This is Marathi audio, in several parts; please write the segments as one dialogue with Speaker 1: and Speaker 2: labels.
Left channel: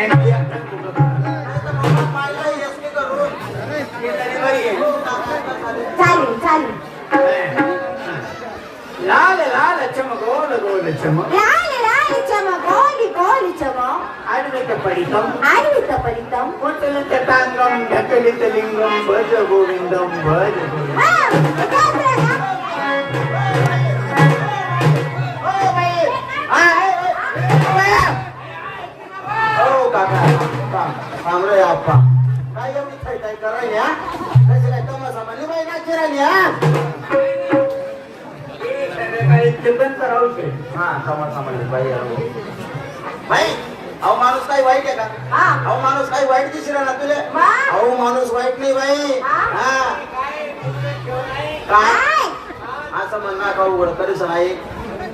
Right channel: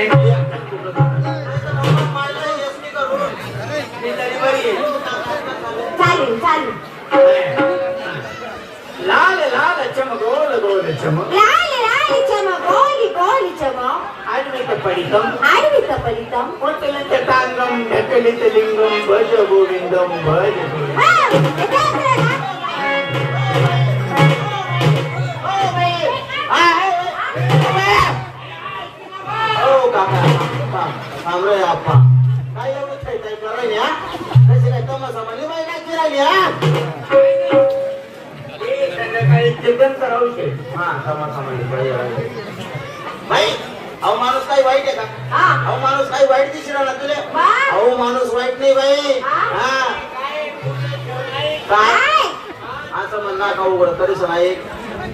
Speaker 1: चारी, चारी।
Speaker 2: लाले, लाले, चम, गोल, गोल, चम, ఫలితం పుట్టిన చట్టాంగం గట్టిలింగం భజ గోవిందం భజ గోవిందం रे आप आ, ताम ताम का एवढे काही काही करायला माणूस काही वाईट आहे का अहो माणूस काही वाईट
Speaker 1: अहो
Speaker 2: माणूस वाईट नाही काय असं म्हण ना का उडि नाही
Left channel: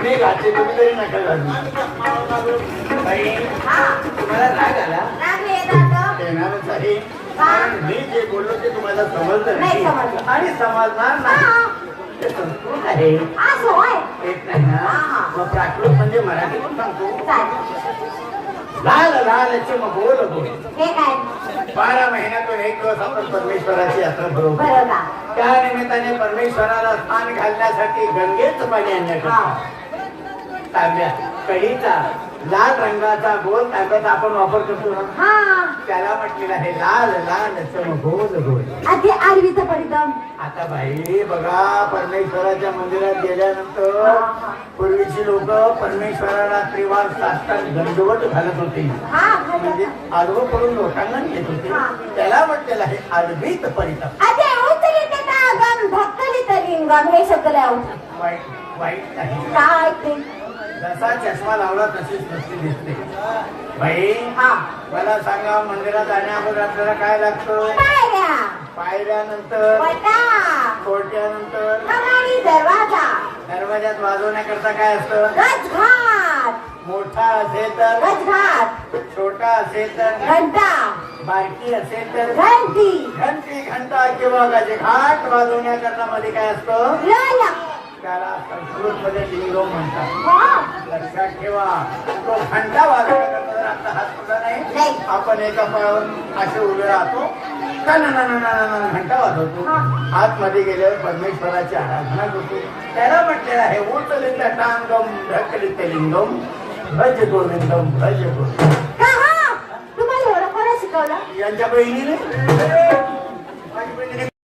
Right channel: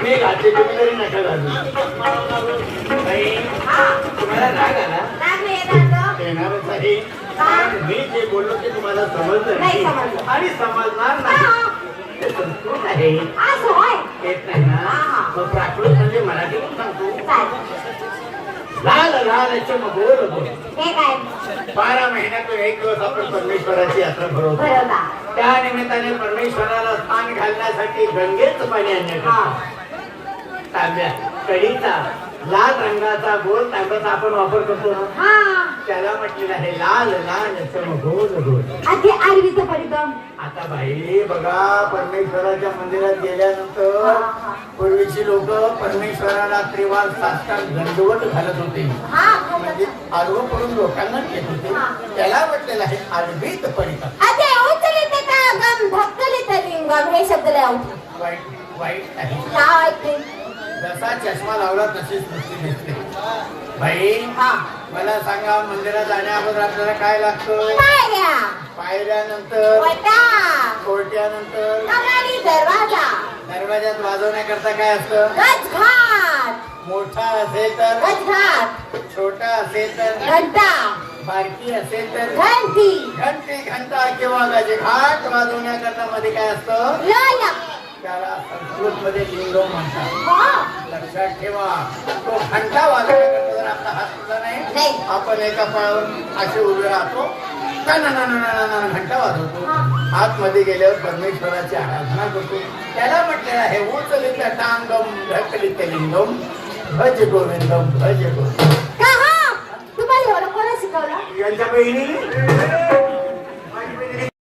Speaker 2: मी जे बोललो ते तुम्हाला मराठीतून सांगतो मग बोल बारा महिन्यातून एक दिवस आपण परमेश्वराची यात्रा त्या निमित्ताने परमेश्वराला स्थान घालण्यासाठी गंगेच पाणी आणण्या लाल रंगाचा गोल ताब्याचा आपण वापर ना त्याला म्हटलेलं आहे लाल लाल गोल परिणाम आता भाई बघा परमेश्वराच्या मंदिरात गेल्यानंतर पूर्वीची लोक परमेश्वराला त्रिवार सात तास घालत
Speaker 1: होते
Speaker 2: आरोप लोकांना घेत होते त्याला म्हटलेलं आहे
Speaker 1: परिणाम
Speaker 2: वाईट वाईट जसा चष्मा लावला तशीच दिसते भाई
Speaker 1: मला
Speaker 2: सांगा मंदिरात जाण्याबद्दल आपल्याला काय लागत पायऱ्यानंतर
Speaker 1: दरवाज्यात
Speaker 2: वाजवण्याकरता काय असत मोठा असेल तर छोटा असेल तर घंटा बायकी असेल तर घंटी घंटा केव्हा वाजवण्याकरता मध्ये काय
Speaker 1: असतं
Speaker 2: त्याला संस्कृत मध्ये लक्षात ठेवा तो घंटा वाजवतो आता हात उडला नाही आपण एका पळावर असे उभे राहतो घंटा वाजवतो आतमध्ये गेल्यावर परमेश्वराची आराधना करतो त्याला म्हटलेलं आहे उचलित टांगम ढकलित लिंगम भज गोविंदम भज गोविंद यांच्या बहिणी